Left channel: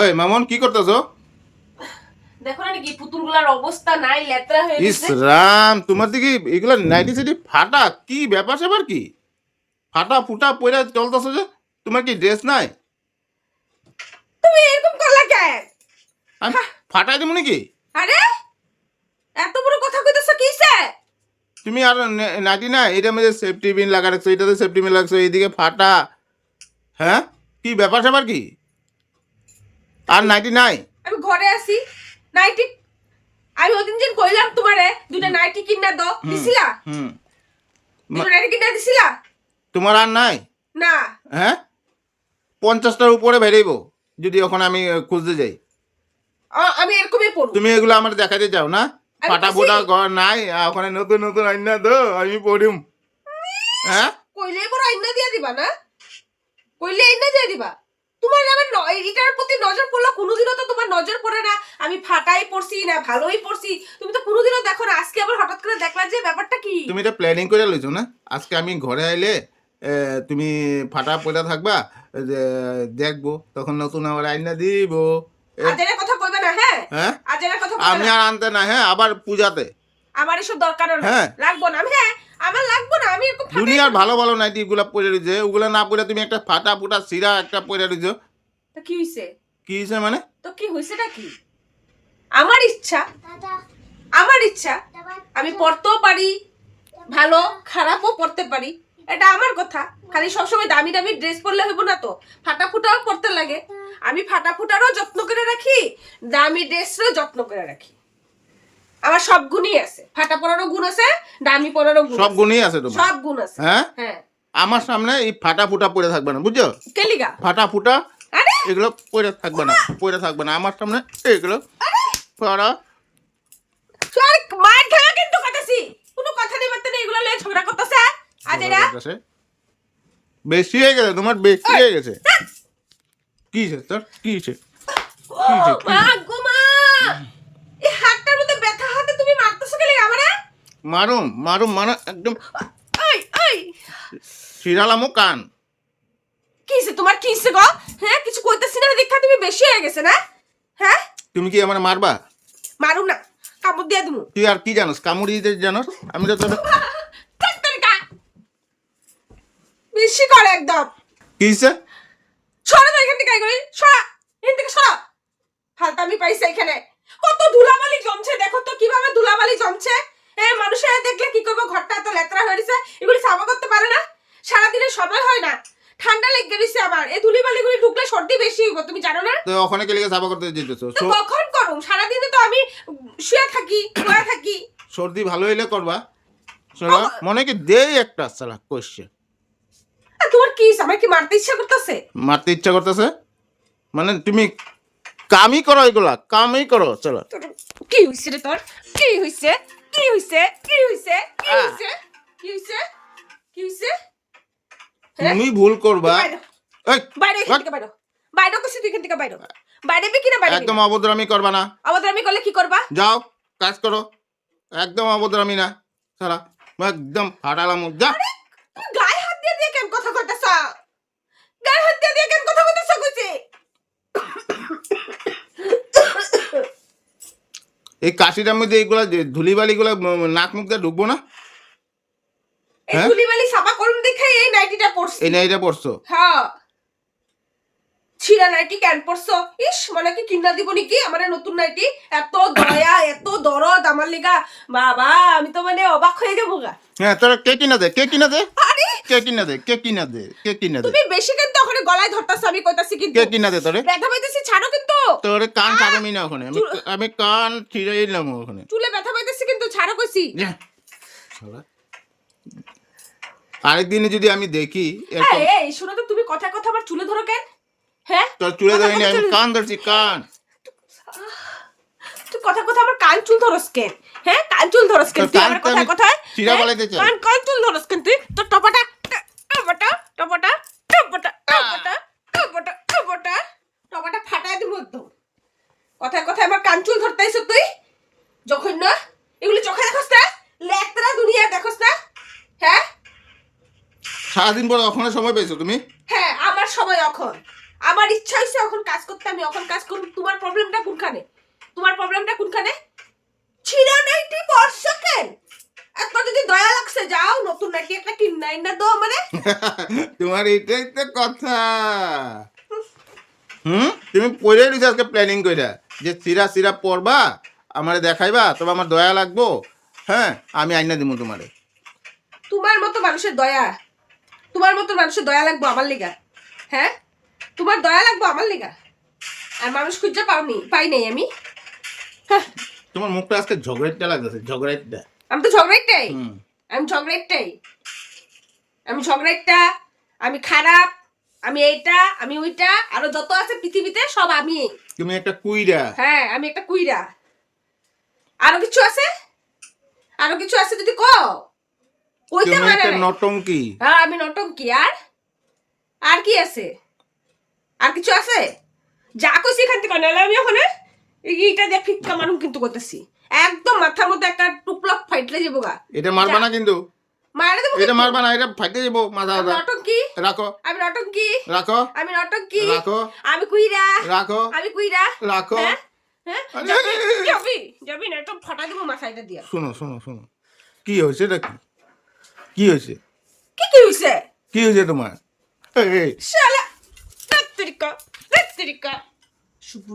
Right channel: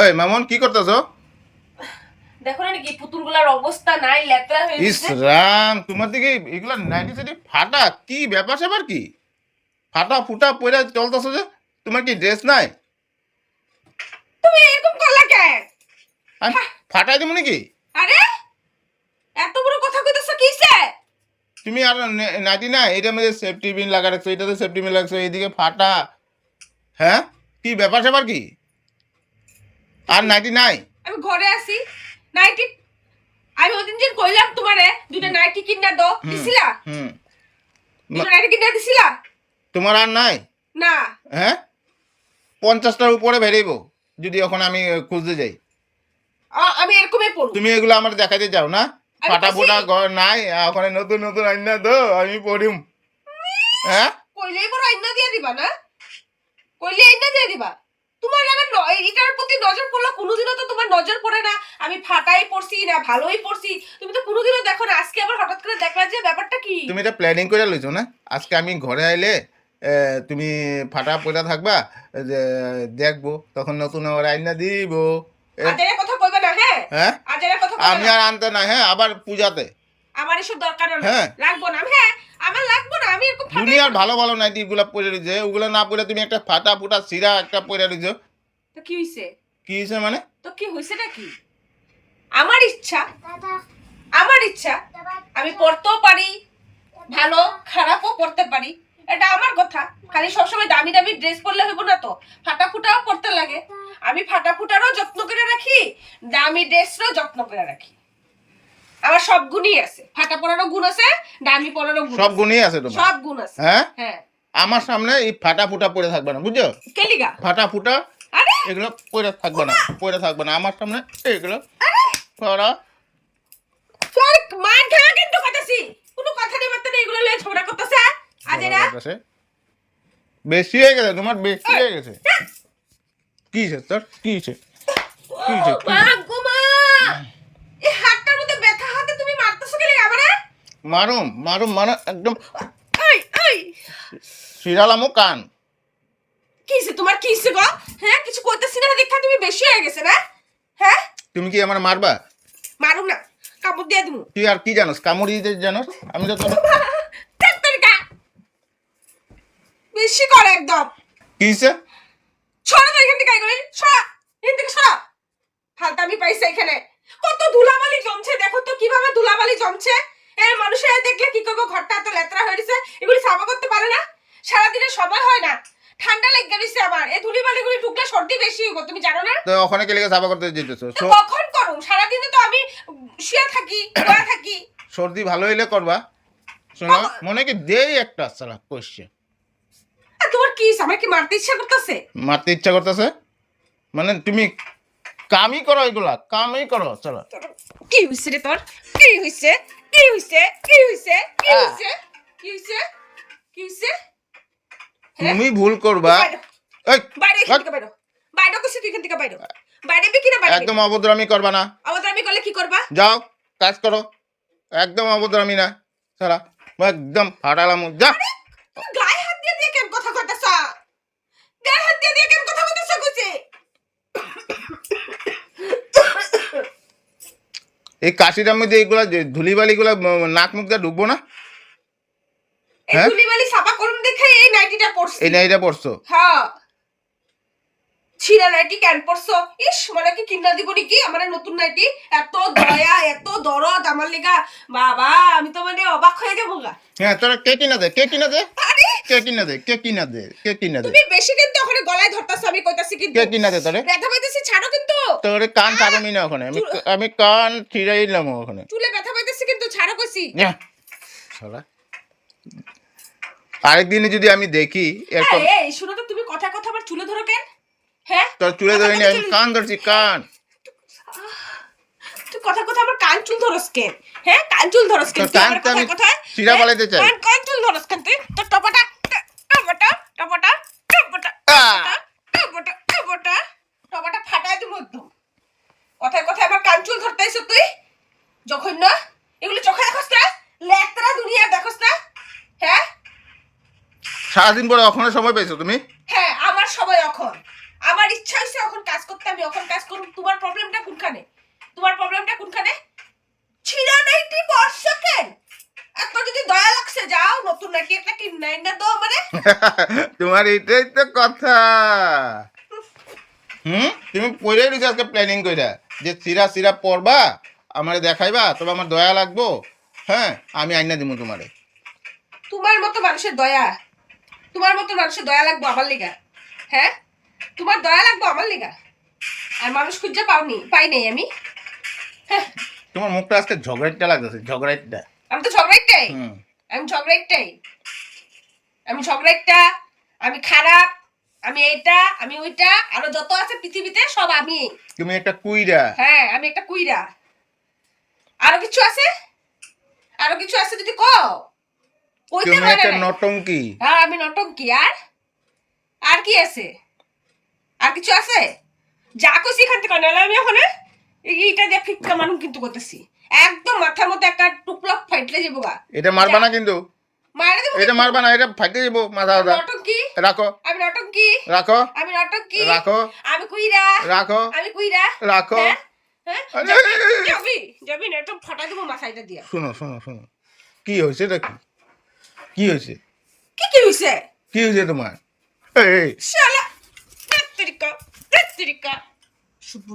এই মামুন কি করতেছো? দেখো না কি পুতুলগুলোর অবস্থা নাই, লেত্রা হয়ে ইস গেছে। রাম, তোমার দিকে এগুলা নাইটি সাইটি ফাটা, কি ব্যাপার স্যাপার কি? ফাটা ফুটা পরে চলতেছো যে? তোমার কি ড্রেস নাই? তুমি এরকম করলা কেন? আমি ফাটাই দেবো নাকি? আরে এত বড় কথা কইতেছ কিসে? তুমি আর নাইটি নাই, এটার মধ্যে সেফটি পিন লাগা রাখছো, এটাতে সেফটি পিন লাগছো, এইদিকে ফাটা। হ্যাঁ, কি ব্যাপার স্যাপার কি? আর নাইটি নাই? আমি ঘরে আছি, নাইটি আমি ওদিন যেন কইলাম তোমারে দুইটা নাইটি কিনা দাও, দিছিলা? হুম। দুইটা নাইটি কিনা দিছিলা? তোমার আর নাই? না। হ্যাঁ, 50টার উপরে বেরিয়েবো যদি এখন আমি খুঁজতে যাই। আমি এরকমই পড়ব। তুমি এগুলো আমার দেখাতে যাও না? আমি ফাটা ফুটা পাইছি। ঘর নাই, ওখানে নতুন নতুন আইনা দো, আমি পড়িম। হ্যাঁ, কইলে করে আইনা দিয়ে দিবা না? কইলে আইনা দিয়ে দিবা? তোমার আমার এটার প্রতি নজর পড়লো, কোনোদিনও তো তোমার নজর পড়ে না। আমি ফাটাই পড়ছি না ভালোই পড়ছি, তুমি তো কোনোদিনও দেখো না। আজকে আবার হঠাৎ করে দেখলা যে ব্যাপারটা কি? তুমি এটা প্ল্যানিং করে লইছো না? আজকে আমি ঘরে আইলে তুমি ফাটা পড়া থাকবা, যে দেখবো, তখন নতুন আবার আইনা দিব। আজের কথা কইবে না, হ্যাঁ? হ্যাঁ, আজের কথা কইবে আমি না। আর আনতে না, হ্যাঁ, আবার পূজাতে। আমার এসব দরকার না। হ্যাঁ। লাগবো না। হ্যাঁ, আমার লাগবো না। আমি এরকম ফাটাই দুনিয়ার পড়বো। ভালো ভালো নাইটি গুলা পরে রয়েছে, ওগুলা না পরে তুমি একটা ফাটা ফুটা সিরা একটা পরে রয়েছো। তো কি হইছে? কি হয়েছে মানে? তো কি হইছে নাকি? আমার ইচ্ছা, আমার ইচ্ছা। আমি পড়তেও পারি, ভালো খারাপও পড়তে পারি, এটা আমার কথা। খালি সবসময় দামি দামি ড্রেস পরলে হইব না তো, ফাটা ফুটাও পড়তে লাগে। আমি ফাটা ফুটারও যত্ন করে রাখি, দামি ড্রেসেরও যত্ন করে রাখি। আমার সব গুণই আছে, ফাটা পড়ারও গুণ আছে, দামি পড়ারও গুণ সব আছে। গুণই আছে তোমার? সব গুণ আছে। হ্যাঁ, হ্যাঁ। আমার সামনে এই ফাটা ফুটা পরে থাকবে না, বুঝছো? কেলিগা? ফাটা ফুটা আরে এগুলো পরে থাকবে না, পরে থাকবে না আমার সামনে এগুলো পরা। চল মার খাওয়া কিন্তু কইতাছি, কোনো কথা নেই বার্তা নেই, এগুলো লয়ে ঝগড়া করতেছে আজ এরা। বেশি হয়ে গেছে তোমার, বেশি হয়ে গেছে। কি হয়েছে তোর? কি হয়েছে? কি হয়েছে? মা গো মা, এই হাতটার মধ্যে ব্যথা হাতে তুমি মারতেছো কেন আমারে? মারুম মারুম মারা একদম আই আই, শিরালামো কান। কিসে তোমার কিসে গো? হ্যাঁ, কিছু কইতাছি না দেখা তুমি বেশি হয়ে গেছে না? হ্যাঁ, তুমি কি আমার মারবা? মারুম না, কাপড় দিয়ে দিমু। তুই আর কি জানোস? কামড়ি দিতে জানোস? আমি তো তোর তেতরিকা বেশি করে একদম। কি হয়েছে? সরে যা এখান থেকে, কই সরা, এখান থেকে সরা। হালকা আমি পাইছি এখানে কত ধুলাবালি জমছে, দেখো তো কিভাবে ধুলাবালি জমছে। মানুষের দেখলে কি করবো, ঘরটা এত লেত্রা হয়ে গেছে, এগুলি সাফা করতে পারে না, সারাদিনের সময় হয় না। ঠান্ডা লেগে গেছে আবার, এই ধুলিবালিগুলি ঢুকলে সর্দি বেশি হইব, তুমি জানো না? তো ওখানে কে লেগে সাফা করতে যেতেছো? তো কখন করুম? সারাদিনে তো আমি শুয়ে থাকি, শুয়ে থাকি। সর্দি ভালো হইলে করবা। শোনো, মনে কি দেই একটা সালা কইছে। আর তোমার কি আমার কি মারতে ইচ্ছা করতেছে? মারতে ইচ্ছা করতেছে মানে? তুমি কামই করো, এগুলা কামই করো। চলো। কি হইছে রে তোর? কি হইছে? কি হইছে? কি হইছে? কি হইছে? কি হইছে? কি হইছে? তুমি ভুল করবা। এই, বাইরে এখান থেকে বাইরো, বাইরে কিছু তুই এখান থেকে বাইরো, বাইরে কি না বাইরে? একদম অভদ্রামি করবা না। আমাদের আমি করলে কি করবা? যাও কাজ করো, একদম অভদ্রামি না। সারা একদম ফাটালাম, যা। তুমি গায়ে হাত দিয়ে দিয়ে কেন কথা কইতাছ? গায়ে হাত দিয়ে দিয়ে কেন কথা কইতাছ কইছে? এই কাশিটার মধ্যে এইগুলা ধুলিবালিগুলা নাক মুখ দিয়ে ঢুকবো না? এই হ্যাঁ? ধুলিবালি সাফা করুন দেখাই এই নাইটিটা পরছি। এই নাইটা পড়ছো? হ্যাঁ, ছিড়া নাইটি কেন পরছো? ইস, মানে কি কিনা দিব নাকি আমার নতুন নাইটি? এত দয়া এত দরদ আমার লেগা, বাবা আমি তো মানে অবাক হয়ে যাবো গা। হ্যাঁ, তোরা কে কিনা দে, কে কিনা দে, আরে কে কিনা দে, কে কিনা দে, কে কিনা দে, তুমি বেশি কিন্তু ওখানে গলায় ধরতাছ, আমি কইতাছি কিন্তু কে কিনা দে তোরে? ব্যথা পাইতেছি, ছাড়ো কিন্তু। তোরে কান ছাড়মি না ওখানে, আমি কান ছিড়াইলাম ওখানে। চুলে ব্যথা পাইতেছি কিন্তু, ছাড়ো কইছি। যা, শালা। আরেকদিনে যদি আমি দেখি এরকম, এই শোনো তো, তুমি কথা কথা আবার চুলে ধরো কেন? হ্যাঁ, তোর চুলে ধরিনি, আমি কান ধরছি, কান। তুই কথা কথা আবার কান চুল ধরস কেন? হ্যাঁ, কান চুল ধরস কেন? তোর তুই কান আমার তো আমি কথা কথায় ছিঁড়া পালাইতে চাই। কান চুল ধরস কেন? তুই তোর টপাটা টপাটা টপাটা টপাটা টপাটা টপাটা টপাটা টপাটা ফাটাই দিব একদম। কথায় কথায় আমার কান চুল ধরতে আইছ তুই, যখন না এগুলি চোখে দেখোস না, লেকতরা দুনিয়া দেখোস না? হ্যাঁ সারাদিন পরে ওখানে সময় পেয়েছো তুমি? হ্যাঁ, আমার সময় এখন, আমার ইচ্ছা হয়েছে এখন কাজ করতে, আমি এখন কাজ করব। তোমার প্রবলেমটা কোনখানে? তোমার প্রবলেমটা কোনখানে? ছিড়া নাইটি বর্ষা কেন? এত যদি দয়া লাগছে যাও নতুন নাকি একটা কিনে না দাও মানে। তোমার এইটাই তো কথা। তুমি পরে দিছো আজকে প্ল্যানিং কইরা যে সিরা সিরা পরবা, আমারে দেখাইবা, তবে আমার দয়া লাগবো। হ্যাঁ, আমি আইনা দিমু তোমারে। তোমার মতো মানুষের দয়া, তোমার মতো মানুষের দয়া লাগবো আমার লিগা? হ্যাঁ, তোমার দয়া লাগবো আমার লিগা? আর মানুষ খুঁজে পাই নাই আমি। হ্যাঁ, তোমার মুখটা আজকে ঝগড়াইটা লাগতেছে, ঝগড়াইটা। আমি তো ঝগড়াইটাই, হুম। আমি ঝগড়াইটাই, আমি ঝগড়াইটা, আমি খারাপ, আমি এইটা, আমি ওইটা, আরো যত আছে পৃথিবীতে সব আমি। তুমি একটা কুইরা। হ্যাঁ, আমি একটা কুইরা। আরো কিছু আছে? আরো কিছু আছে যদি কও। কইতে তুমি পারে একটা নাই। নটঙ্কি। হ্যাঁ, আমি নটঙ্কি। আর কি আছে? আর কিছু আছে? যা কইছি এখান থেকে নাহলে আমি ওখানে এইটা দিয়ে ফিক্কা মানুষ কিন্তু করতেছি, একদম মাথার মধ্যে একটা টুকলক ফাইটলে যাবো গা। এটা মারবা না কিন্তু, মারা দেবো এটা মারবা না, এটা ফাইটে যাবো মাথা আমি মাথা। নটঙ্কি, রাখো আমি নটঙ্কি, রাখো আমি নটঙ্কি, রাখো আমি কুইরা, রাখো আমি কুইরা। রাখো। হ্যাঁ, হ্যাঁ, আরে, যাবি যাবি না তো ফাটা দিব মাথাটা দিয়া। শোনো শোনো শোনো, কি হয়েছে এটা? কি হয়েছে? কি হইছে? কি হয়েছে তোমার? এই শালা তেত্রিকা তেত্রিকা শুভ